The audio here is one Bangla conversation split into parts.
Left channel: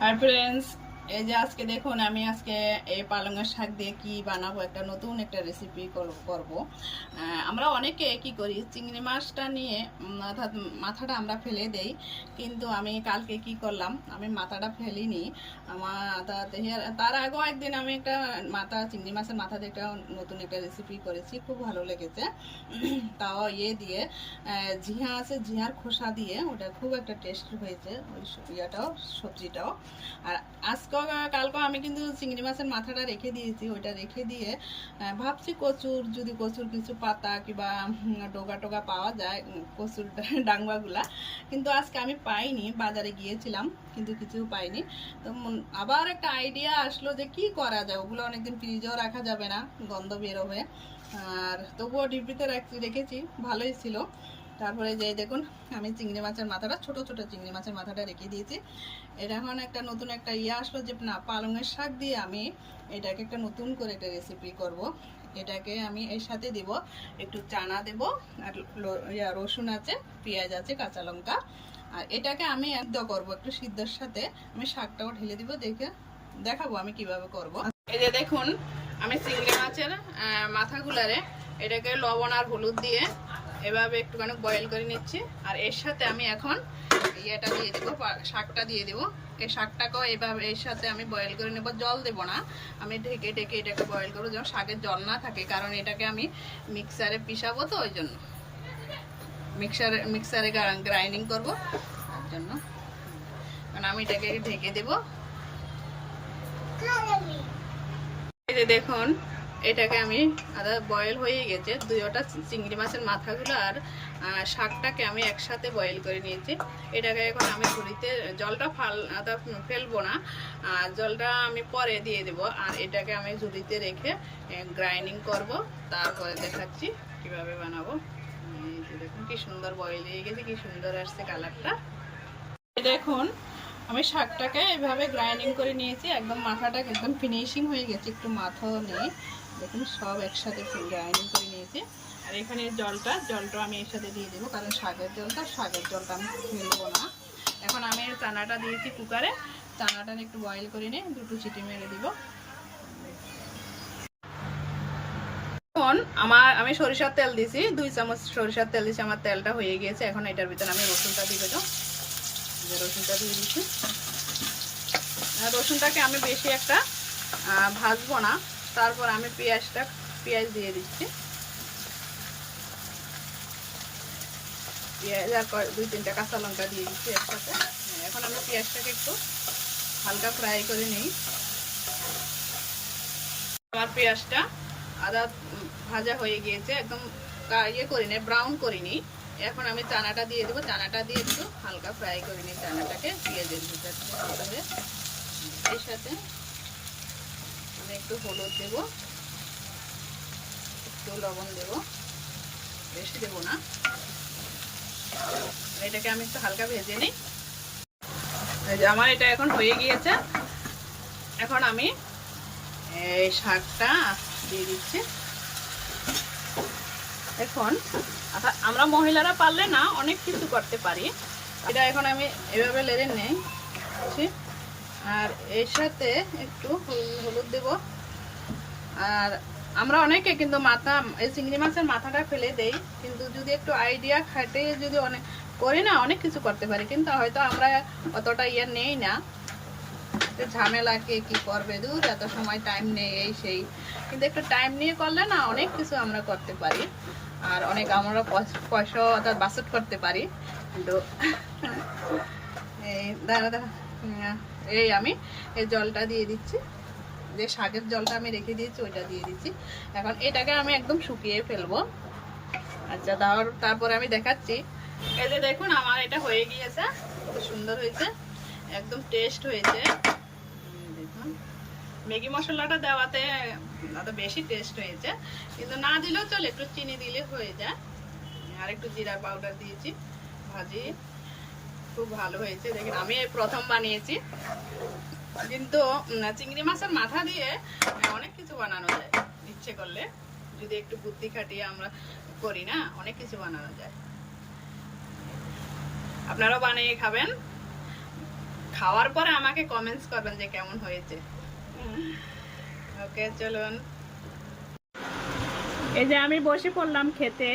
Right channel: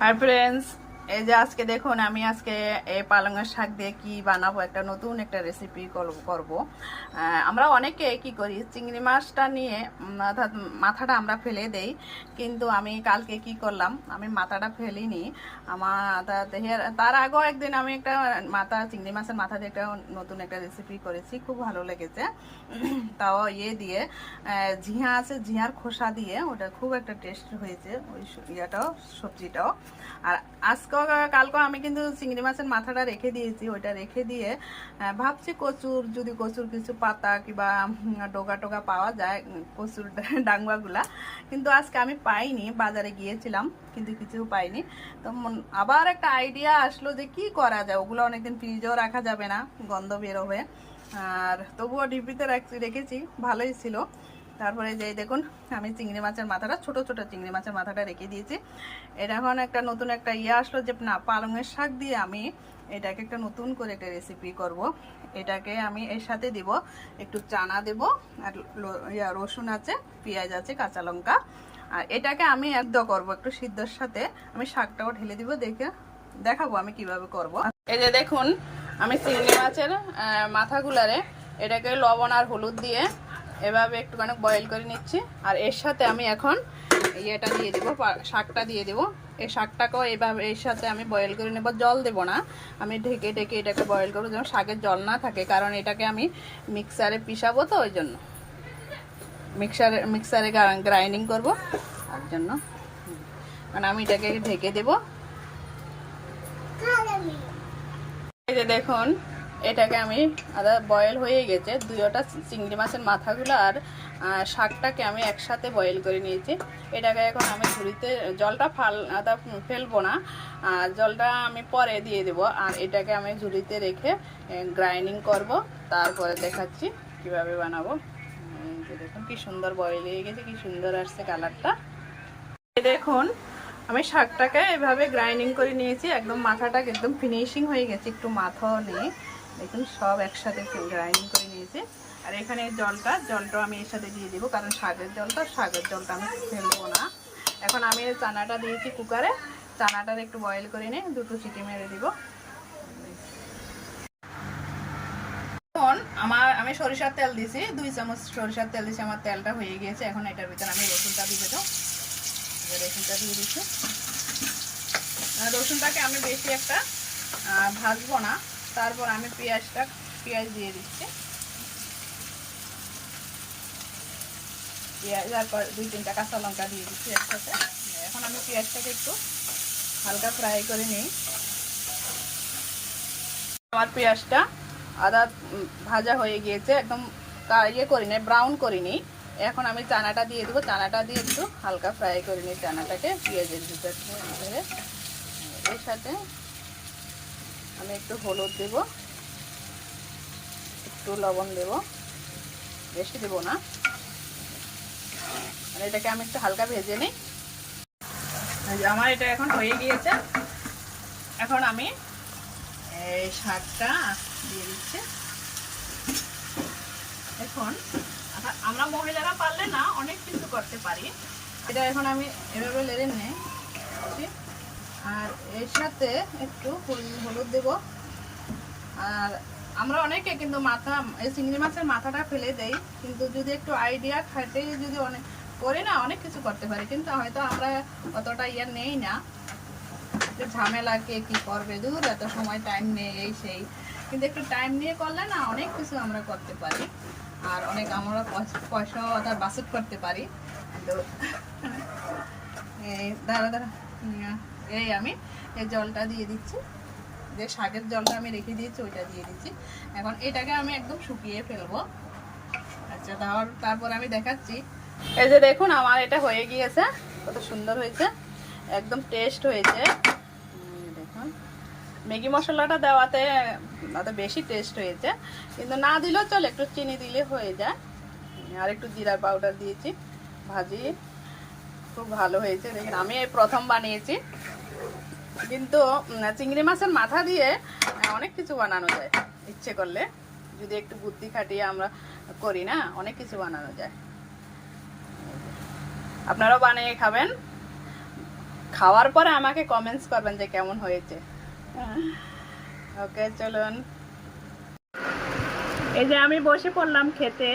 হাই ফ্রেন্ডস, এই যে আজকে দেখুন আমি আজকে এই পালংয়ের শাক দিয়ে কি বানাবো, একটা নতুন একটা রেসিপি করব। আমরা অনেকে কি করি, চিংড়ি মাছটা নিয়ে অর্থাৎ মাথাটা আমরা ফেলে দেই, কিন্তু আমি কালকে কি করলাম, আমি মাথাটা ফেলিনি। আমার তার আগেও একদিন আমি একটা চিংড়ি মাছের মাথা দিয়ে একটা নতুন একটা রেসিপি করেছি, খুব ভালো লেগেছে। তাও দিয়ে ঝিঙা আছে, ঝিঙার খোসা দিয়ে ওটা খুব একটা টেস্ট হয়েছে, ওই ইয়েটাও সবজিটাও। আর আজকে কালকে আমি কিন্তু চিংড়ি মাছের মাথাটা রেখে দিয়েছি, ওইটা রেখে দিয়ে ভাবছি কচুর কিছু পাতা কিংবা ডোগা টোগা পাওয়া যায়, কচুর ডাংবাগুলা, কিন্তু আজকে আমি পাইনি, বাজারে গিয়েছিলাম কিন্তু কিছু পাইনি। তো আবার একটা আইডিয়া আসলো যে কি করা যায়, ওগুলো অনেকদিন ফ্রিজেও রাখা যাবে না, গন্ধ বেরোবে, আর তবুও ডিব্বিতে রেখেছি, ভালোই ছিল। তারপরে যে দেখুন আমি চিংড়ি মাছের মাথাটা, ছোট ছোট চিংড়ি মাছের মাথাটা রেখে দিয়েছি। এটা এখন একটা নতুন একটা আসলো যে না, পালংয়ের শাক দিয়ে আমি এটাকে একটা নতুন করে একটা রেসিপি করব। এটাকে আমি এর সাথে দিব একটু চানা দেব, আর রসুন আছে, পেঁয়াজ আছে, কাঁচা লঙ্কা। আর এটাকে আমি একদম করব একটু সিদ্ধর সাথে, আমি শাকটাও ঢেলে দিব, দেখাবো আমি কিভাবে করব। এই যে দেখুন আমি চিংড়ি মাছের মাথাগুলারে এটাকে লবণ আর হলুদ দিয়ে এভাবে একটুখানি বয়েল করে নিচ্ছি। আর এর সাথে আমি এখন এটা দিয়ে দেবো, শাকটা দিয়ে দেবো। এই শাকটাকেও এইভাবে এর সাথে আমি বয়েল করে নেব, জল দেবো না, আমি ঢেকে এটাকে বয়েল করবো যেন শাকের জল না থাকে, কারণ এটাকে আমি মিক্সারে পিসাবো, তো ওই জন্য মিক্সারে গ্রাইন্ডিং করবো, তার জন্য মানে আমি এটাকে ঢেকে দেবো। এই যে দেখুন এটাকে আমি বয়েল হয়ে গেছে, দুইটা চিংড়ি মাছের মাথাগুলো আর শাকটাকে আমি একসাথে বয়েল করে নিয়েছি। এটাকে এখন আমি ঝুড়িতে, জলটা ফেলবো না, জলটা আমি পরে দিয়ে দেবো। আর এটাকে আমি ঝুড়িতে রেখে গ্রাইন্ডিং করব, তারপরে দেখাচ্ছি কিভাবে বানাবো। এই যে দেখুন কি সুন্দর বয়েল হয়ে গেছে, কি সুন্দর আসছে কালারটা। দেখুন আমি শাকটাকে এভাবে গ্রাইন্ডিং করে নিয়েছি, একদম মাথাটা একদম ফিনিশিং হয়ে গেছে, একটু মাথাও নেই, দেখুন সব একসাথে গ্রাইন্ডিং করে নিয়েছি। আর এখানে জলটা আমি এর সাথে দিয়ে দেবো, কারণ শাকের জলটা আমি ফেলবো না। এখন আমি চানাটা দিয়েছি কুকারে, চানাটার একটু বয়েল করে নিয়ে দুটো চিটি মেরে দিব। এখন আমি সরিষার তেল দিয়েছি, 2 চামচ সরিষার তেল দিয়েছি, আমার তেলটা হয়ে গিয়েছে। এখন এটার ভিতরে আমি রসুনটা দিয়ে দেবো, রসুনটা দিয়ে দিচ্ছি। রসুনটাকে আমি বেশি একটা ভাজবো না, তারপর আমি পেঁয়াজ দিয়ে দিচ্ছি, পেঁয়াজ আর 2-3টা কাঁচা লঙ্কা দিয়ে দিচ্ছি একসাথে। এখন আমি পেঁয়াজটাকে একটু হালকা ফ্রাই করে নিই। আমার পেঁয়াজটা আদা ভাজা হয়ে গিয়েছে, একদম করিনি, ব্রাউন করিনি। এখন আমি চানাটা দিয়ে দেবো, চানাটা দিয়ে একটু হালকা ফ্রাই করে নিই চানাটাকে পেঁয়াজের ভিতরে। এর সাথে আমি একটু হলুদ দেব, একটু লবণ দেব, বেশি দেব না। এটাকে আমি একটু হালকা ভেজে নিই। আমার এটা এখন হয়ে গিয়েছে। এখন আমি এই শাকটা দিয়ে দিচ্ছি। এখন আমরা মহিলারা পারলে না অনেক কিছু করতে পারি। এটা এখন আমি এভাবে লেড়ে নিই, আর এর সাথে একটু হলুদ দেব। আর আমরা অনেকে কিন্তু এই চিংড়ি মাছের মাথাটা ফেলে দেই, কিন্তু যদি একটু আইডিয়া খাটে যদি অনেক করি না, অনেক কিছু করতে পারি, কিন্তু হয়তো আমরা অতটা নেই না, ঝামেলাকে কি করবে, দূর এত সময় টাইম নেই, এই সেই, কিন্তু একটু টাইম নিয়ে করলে না অনেক কিছু আমরা করতে পারি, আর অনেক আমরা পয়সাও অর্থাৎ বাসট করতে পারি। কিন্তু এই দাঁড়া এই আমি এই জলটা দিয়ে দিচ্ছি, যে শাকের জলটা আমি রেখে দিয়েছি ওইটা দিয়ে দিচ্ছি। এখন এটাকে আমি একদম শুকিয়ে ফেলবো। আচ্ছা, তারপরে আমি দেখাচ্ছি। এই যে দেখুন আমার এটা হয়ে গিয়েছে, কত সুন্দর হয়েছে, একদম টেস্ট হয়েছে। দেখুন ম্যাগি মশলাটা দেওয়াতে বেশি টেস্ট হয়েছে, কিন্তু না দিলেও চলে, একটু চিনি দিলে হয়ে যায়। আর একটু জিরা পাউডার দিয়েছি, ভাজি খুব ভালো হয়েছে। দেখুন আমি এই প্রথম বানিয়েছি, কিন্তু চিংড়ি মাছের মাথা দিয়ে অনেক কিছু বানানো যায়, ইচ্ছে করলে যদি একটু বুদ্ধি খাটিয়ে আমরা করি না, অনেক কিছু বানানো যায়। আপনারাও বানিয়ে খাবেন, খাওয়ার পরে আমাকে কমেন্টস করবেন যে কেমন হয়েছে। ওকে চলুন, এই যে আমি বসে পড়লাম খেতে,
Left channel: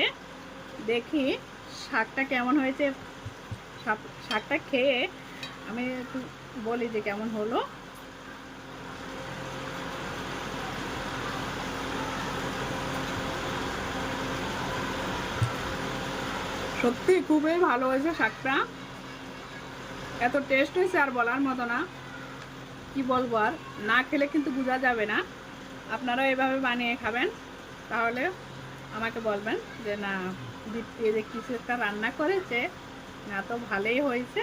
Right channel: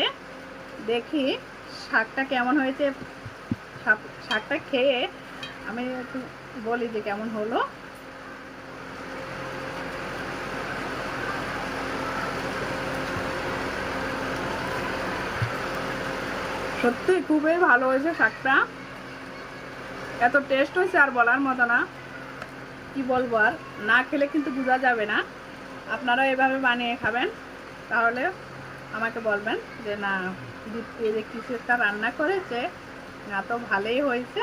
দেখি শাকটা কেমন হয়েছে। শাকটা খেয়ে আমি একটু বলি যে কেমন হলো। সত্যি খুবই ভালো হয়েছে শাকটা, এত টেস্ট হয়েছে আর বলার মতো না। কি বলবো, আর না খেলে কিন্তু বোঝা যাবে না। আপনারা এভাবে বানিয়ে খাবেন, তাহলে আমাকে বলবেন যে না দীপ্তি যে কিছু একটা রান্না করেছে, না তো ভালোই হয়েছে।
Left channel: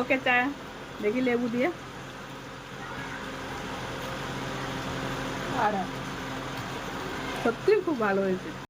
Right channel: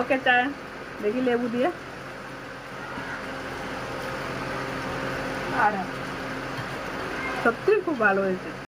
ওকে চা দেখি লেবু দিয়ে, আর সত্যি খুব ভালো হয়েছে।